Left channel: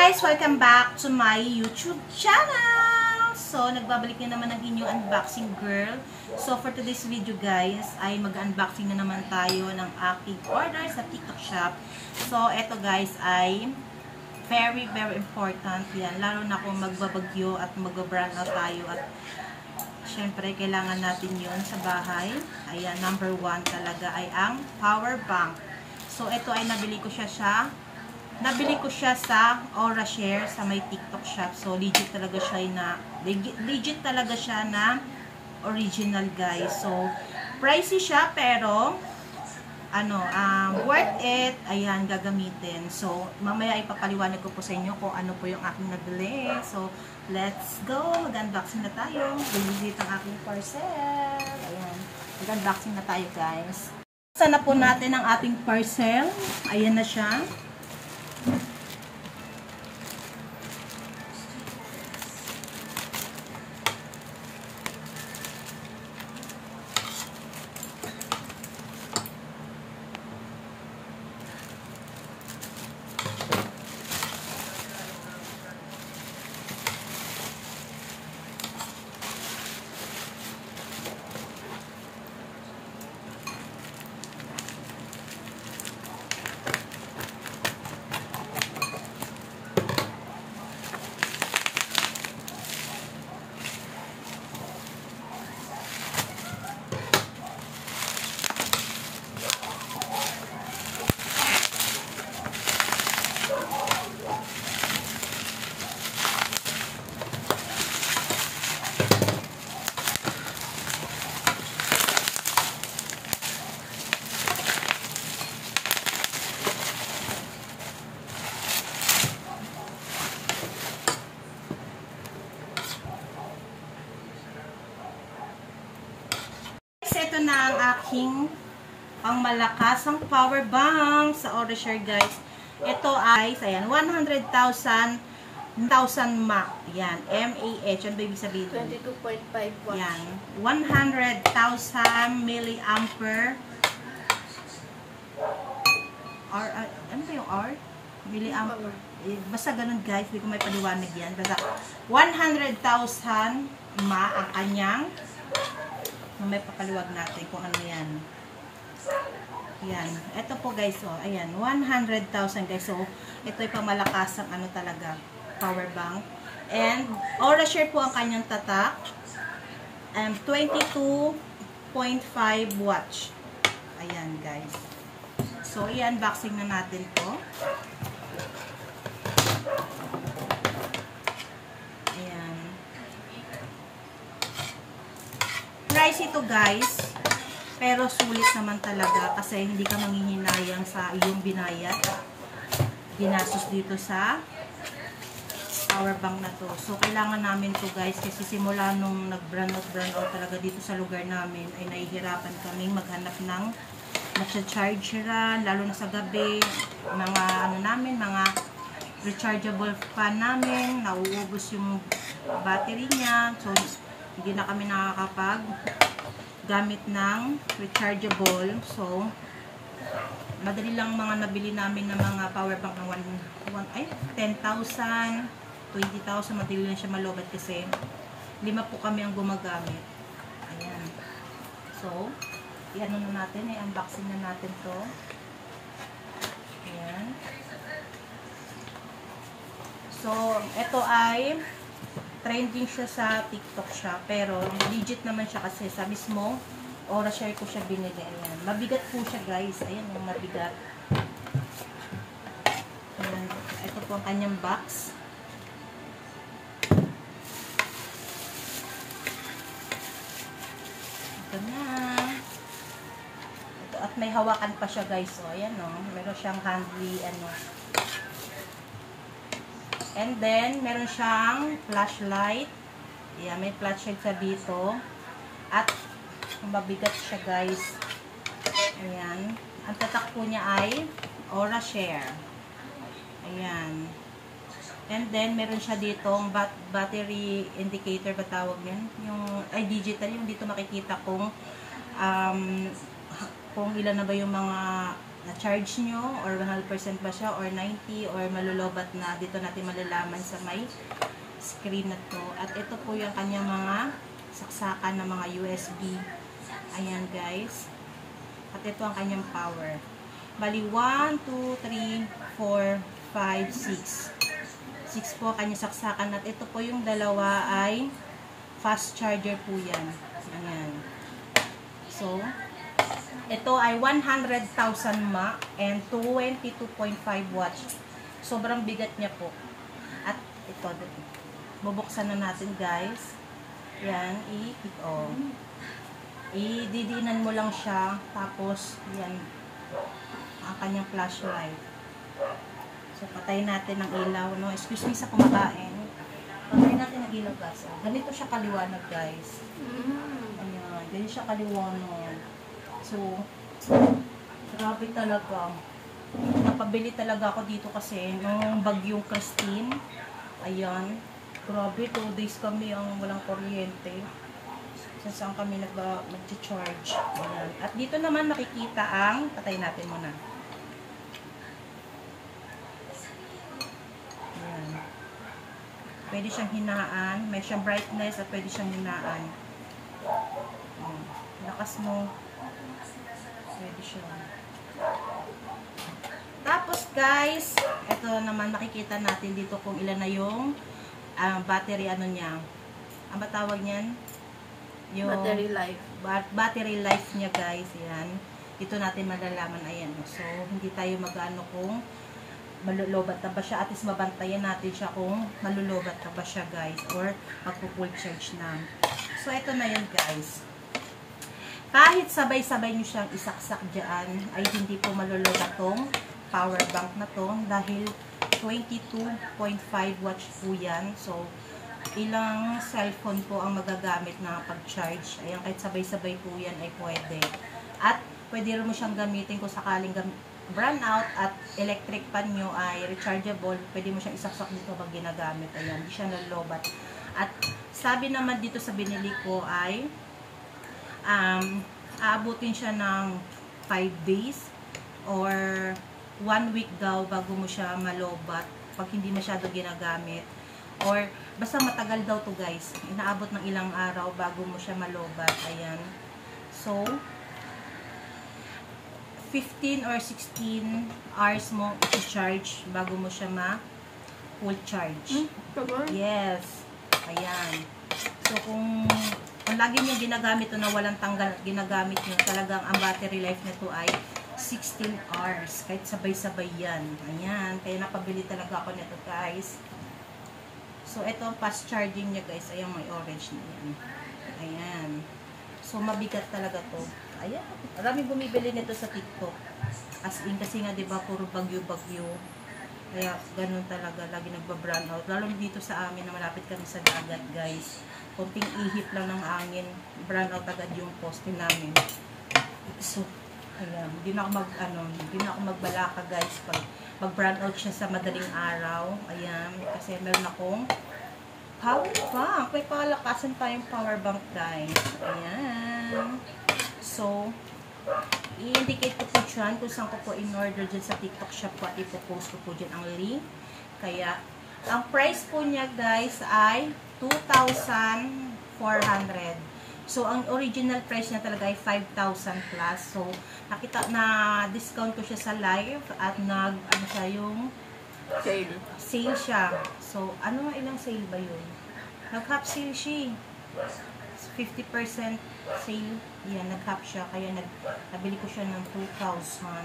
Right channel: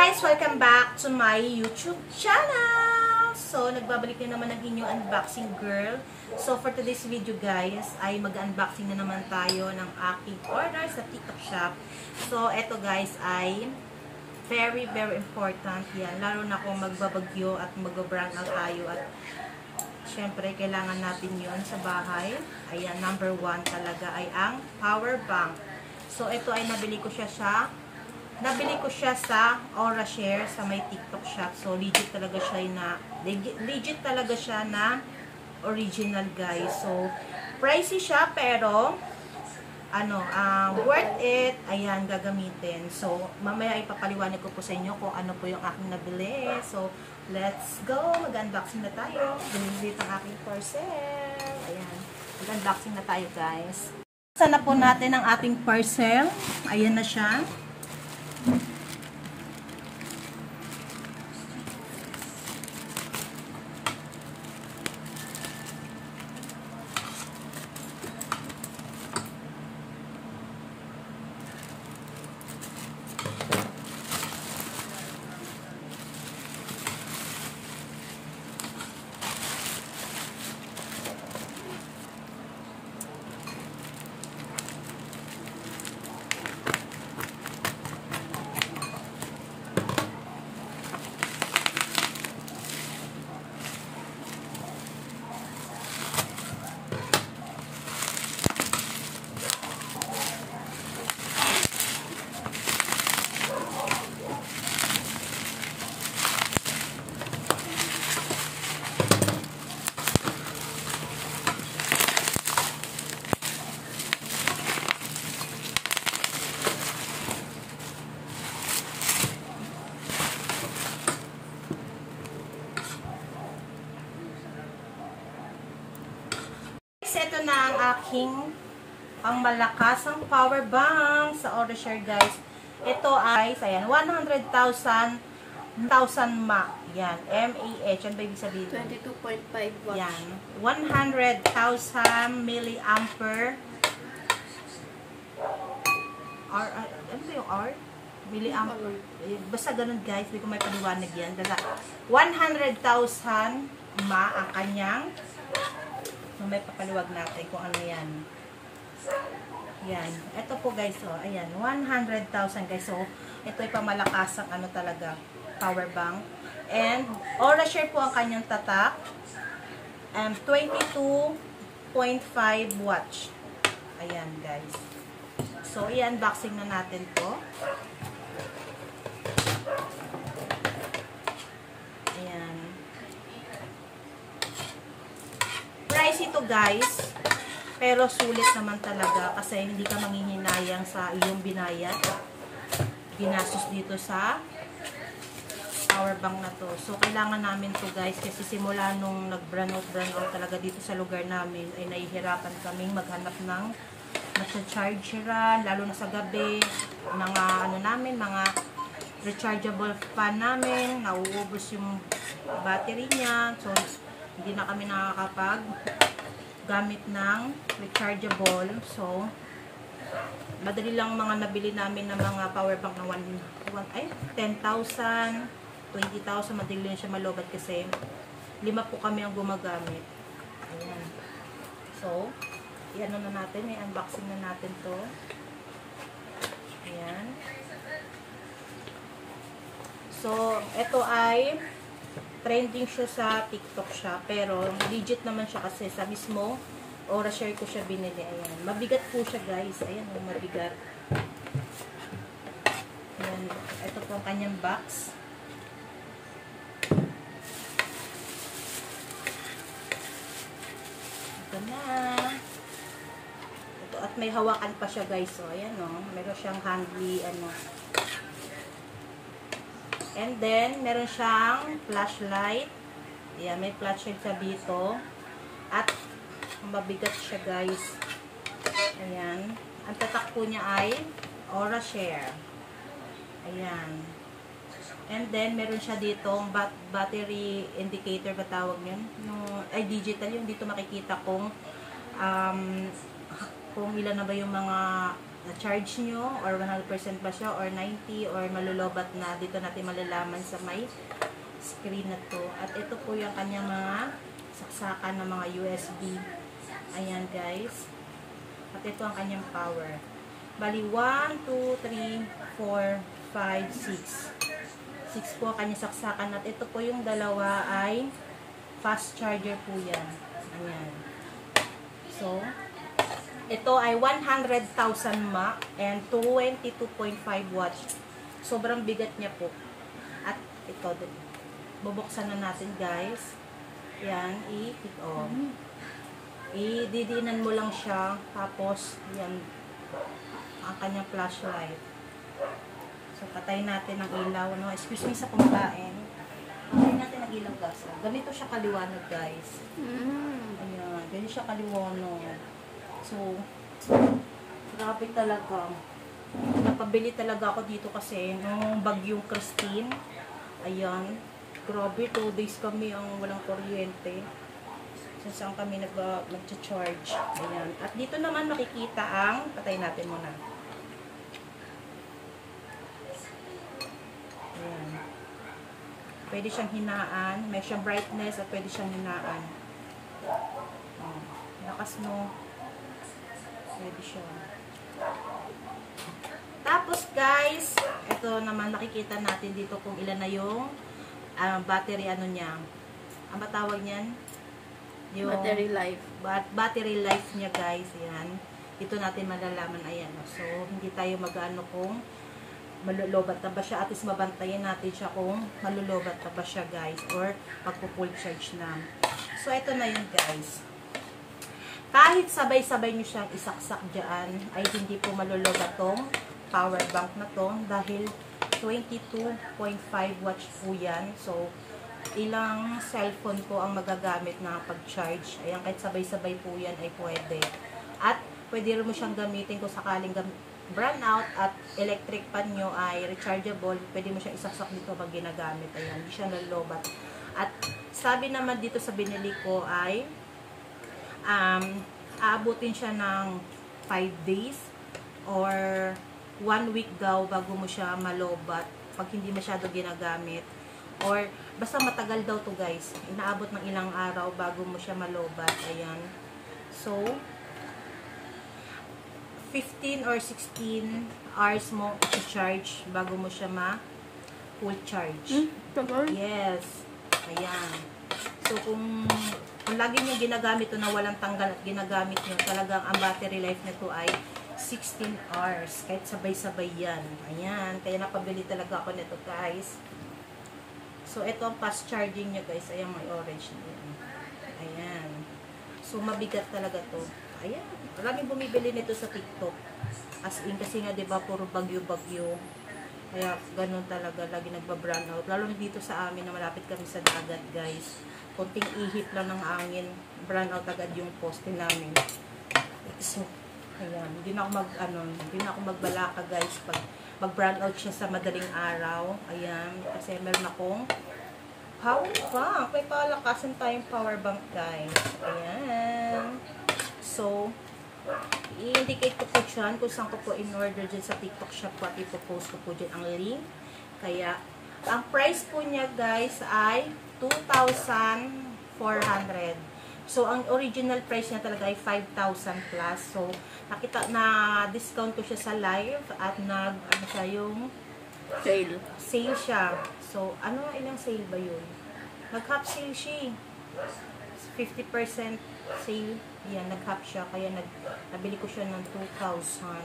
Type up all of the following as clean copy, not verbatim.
guys! Welcome back to my YouTube channel! So, nagbabalik na naman ang inyong unboxing girl. So, for today's video guys, ay mag-unboxing na naman tayo ng aking order sa TikTok shop. So, eto guys ay very important yan. Lalo na kung magbabagyo at mag-brand out tayo at syempre, kailangan natin yon sa bahay. Ayan, number 1 talaga ay ang power bank. So, ito ay nabili ko siya sa Orashare sa may TikTok shop. So, legit talaga siya na original guys. So, pricey siya pero worth it. Ayan, gagamitin. So, mamaya ipapaliwanag ko po sa inyo kung ano po yung aking nabili. So, let's go. Mag-unboxing na tayo. Visit ang aking parcel. Ayan, mag-unboxing na tayo guys. Sana po natin ang ating parcel. Ayan na siya. Ito na ang aking pangmalakasang power bank sa Orashare guys. Ito ay, ayan, 100,000 mAh. Yan, mAh. Ano ba ibig sabihin? 22.5 watts. Yan, 100,000 milliampere. Ano ba yung R? Milliampere. Basta ganun guys, hindi ko may paliwanag yan. Basta 100,000 mAh ang kanyang. May papaliwag natin kung ano yan. Yan. Ito po guys, oh. Ayan. 100,000 guys. So, ito ay pamalakas ang talaga. Power bank. And, Orashare po ang kanyang tatak. 22.5 watts. Ayan guys. So, i-unboxing na natin to. Price ito guys, pero sulit naman talaga kasi hindi ka manghihinayang sa iyong binayad, ginastos dito sa power bank na to. So, kailangan namin to guys kasi simula nung nag-brand out talaga dito sa lugar namin ay nahihirapan kaming maghanap ng chargeran, lalo na sa gabi, mga mga rechargeable fan namin, nauubos yung battery niya. So, hindi na kami nakakapag gamit ng rechargeable. So, madali lang mga nabili namin ng mga power bank na 10,000, 20,000. Madali lang siya malobat kasi 5 po kami ang gumagamit. Ayan. So, i-ano na natin, i-unboxing na natin to. Ayan. So, ito ay trending siya sa TikTok siya, pero legit naman siya kasi sa mismo Orashare ko siya binili. Ayan. Mabigat po siya guys. Ayan, mabigat. Ayan. Ito po ang kanyang box. Ito na. Ito, at may hawakan pa siya guys. So, ayan o. Meron siyang handly And then, meron siyang flashlight. Ayan, may flashlight siya dito. At, mabigat siya guys. Ayan. Ang tatak po niya ay Orashare. Ayan. And then, meron siya ditong battery indicator, ba tawag yan? Ay, digital. Yung dito makikita kung ilan na ba yung mga na-charge nyo, or 100% ba siya, or 90, or malulobat na. Dito natin malalaman sa may screen na to. At ito po yung kanyang mga saksakan ng mga USB. Ayan guys. At ito ang kanyang power. Bali, 1, 2, 3, 4, 5, 6. 6 po kanyang saksakan. At ito po yung dalawa ay fast charger po yan. Ayan. So, ito ay 100,000 mAh and 22.5 watts. Sobrang bigat niya po. At ito, bubuksan na natin guys. Yan, i-kick on. Ididinan mo lang siya. Tapos, yan, ang kanyang flashlight. So, patayin natin ang ilaw, no? Excuse me sa kumakain. Patayin natin ang ilaw, guys. Ganito siya kaliwanag, guys. Ayan, ganito siya kaliwanag. So, grabe talaga. Napabili talaga ako dito kasi nung bagyong Christine. Ayan. Grabe, 2 days kami ang walang kuryente. So, saan kami mag-charge. Ayan. At dito naman makikita ang, patayin natin muna. Ayan. Pwede siyang hinaan. May siyang brightness at pwede siyang hinaan. Lakas no. Pwede siya. Tapos guys, ito naman makikita natin dito kung ilan na yung battery ano niya. Ang batawag niyan? Yung battery life. Battery life niya guys. Yan. Dito natin malalaman. Ayan. So, hindi tayo mag-ano kung malulobat na ba siya. At least mabantayan natin siya kung malulobat na ba siya guys. Or magpo-full charge na. So, ito na yun guys. Kahit sabay-sabay nyo siyang isaksak dyan, ay hindi po malulobat tong power bank na to. Dahil 22.5 watts po yan. So, ilang cellphone po ang magagamit na pag-charge. Ayan, kahit sabay-sabay po yan ay pwede. At pwede rin mo siyang gamitin kung sakaling brown out at electric pan nyo ay rechargeable. Pwede mo siyang isaksak dito pag ginagamit. Ayan, hindi siya nalulobat. At sabi naman dito sa binili ko ay aabutin siya ng 5 days or 1 week daw bago mo siya malobat pag hindi masyado ginagamit, or basta matagal daw to guys, inaabot ng ilang araw bago mo siya malobat. Ayan, so 15 or 16 hours mo i-charge bago mo siya full charge. Yes, ayan. So kung lagi nyo ginagamit ito na walang tanggal at ginagamit nyo, talagang ang battery life nito ay 16 hours. Kahit sabay-sabay yan. Ayan. Kaya napabili talaga ako nito guys. So, ito ang fast charging niya guys. Ayan, may orange na yan. Ayan. So, mabigat talaga to. Ayan. Maraming bumibili nito sa TikTok. As in, kasi nga diba, puro bagyo-bagyo. Kaya, ganun talaga. Lagi nagba-brown out. Lalo dito sa amin na malapit kami sa dagat guys. Konting ihip lang ng angin, brown out agad yung poste namin. So, ayan, hindi na ako magbalaka guys pag mag-brown out siya sa madaling araw. Ayan, kasi meron akong power bank. May palakasan tayong power bank guys. Ayan. So, i-indicate ko po dyan kung saan ko po in-order dyan sa TikTok shop ko at ipopost ko po dyan ang link. Kaya, ang price po niya guys ay 2,400. So, ang original price niya talaga ay 5,000 plus. So, na-discount ko siya sa live at ano siya yung sale siya. So, ilang sale ba yun? Nag-half sale siya. 50% sale. Yan, nag-half siya. Kaya nabili ko siya ng 2,400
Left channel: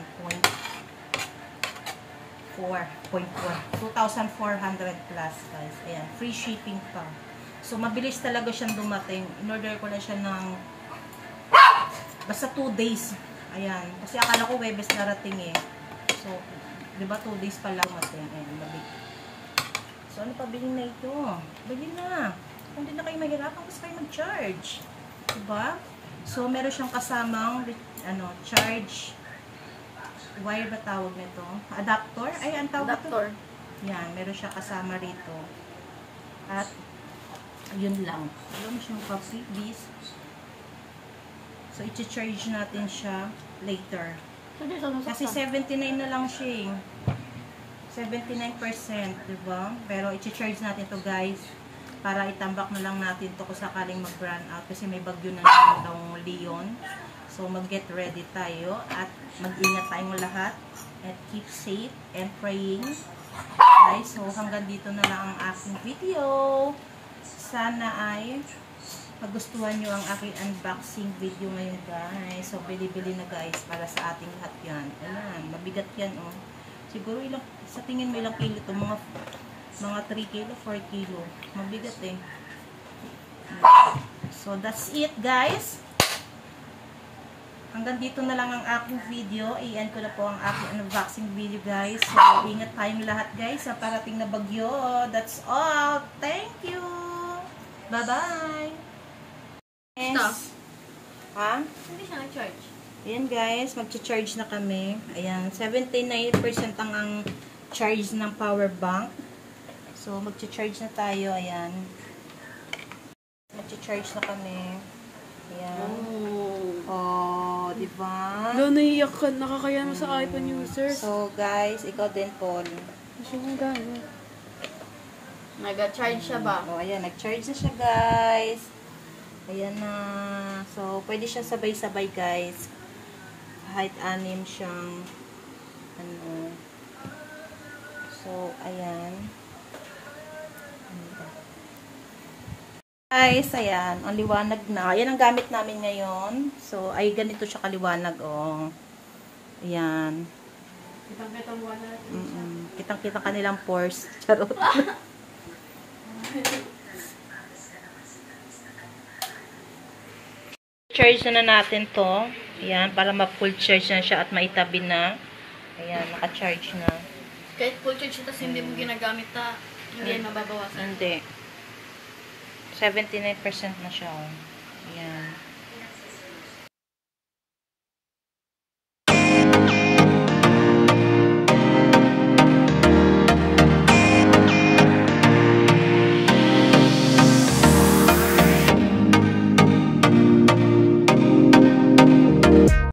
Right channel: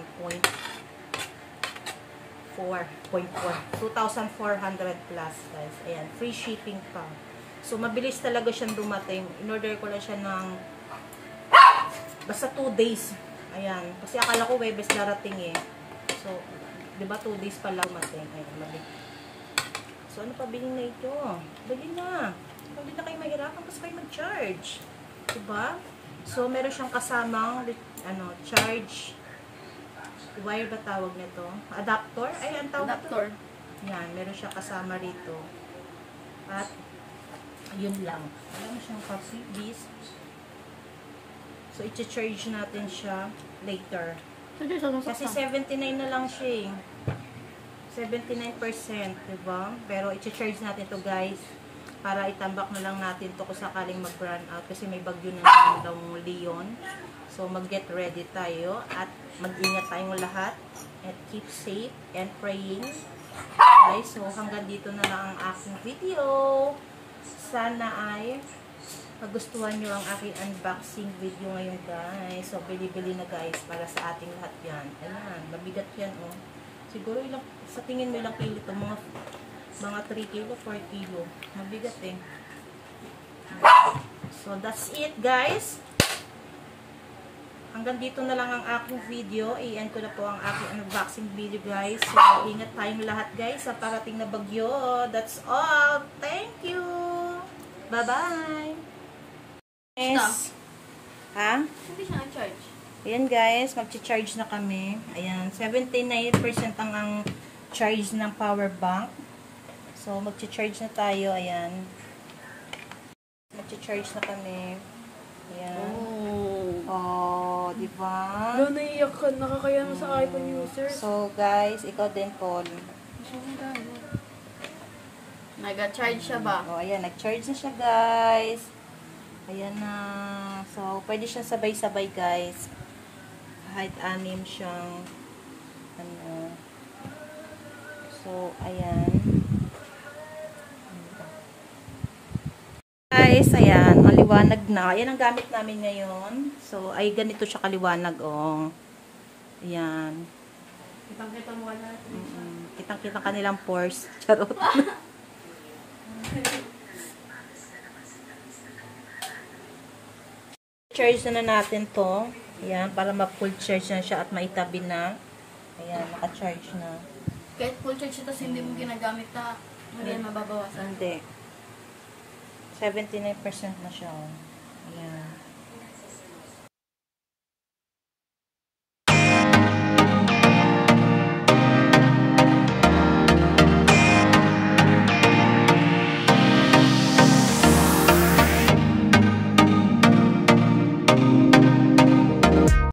plus guys. Ayan, free shipping pa. So, mabilis talaga siyang dumating. In-order ko lang siya ng basta 2 days. Ayan. Kasi akala ko Webes darating eh. So, diba 2 days pa lang dumating. Ayan, mabilis. So, ano pa bilhin na ito? Bilhin na. Hindi na kayo mahirapan kasi kayo mag-charge. Diba? So, meron siyang kasamang charge wire ba tawag nito? Adapter? Ay, ang tawag adapter. Yan, meron siyang kasama rito. At yun lang. Alam mo siyang copy, bis. So, i-charge natin siya later. Kasi 79 na lang siya, eh. 79%, diba? Pero i-charge natin to guys para itambak na lang natin to kung sakaling mag-run out kasi may bagyo na naman daw Leon. So mag-get ready tayo at mag-ingat tayong lahat and keep safe and praying. Guys, so hanggang dito na lang ang aking video. Sana ay magustuhan nyo ang aking unboxing video ngayon guys. So bili-bili na guys para sa ating lahat yan. Ayan, mabigat yan oh. Siguro ilang, sa tingin mo ilang kilo ito? Mga 3 kilo, 4 kilo. Mabigat eh. So, that's it guys. Hanggang dito na lang ang aking video. I-end ko na po ang aking unboxing video guys. So, ingat tayong lahat guys sa parating na bagyo. That's all. Thank you. Bye-bye. Yes. Ha? Hindi siya nag-charge. Ayan guys, mag-charge na kami. Ayan, 79% ang charge ng power bank. So, mag-charge na tayo. Ayan. Mag-charge na kami. Ayan. Oh, diba? Ano, naiiyak ka. Nakakaya mo sa iPhone user. So, guys, ikaw din, Paul. Nag-charge siya ba? Oh, ayan, nag-charge na siya, guys. Ayan na. So, pwede siya sabay-sabay, guys. Kahit anim siyang ano. So, ayan. Guys, ayan. Maliwanag na. Ayan ang gamit namin ngayon. So, ay ganito siya kaliwanag, oh. Ayan. Kitang-kita mo natin. Kitang-kita kanilang pores. Charot. Charge na natin to. Ayan, para ma-full charge na siya at maitabi na. Ayan, naka-charge na. Kahit full charge siya, tapos hindi mo ginagamit na, hindi mababawasan. Hindi. 79% na siya, oh. Ayan.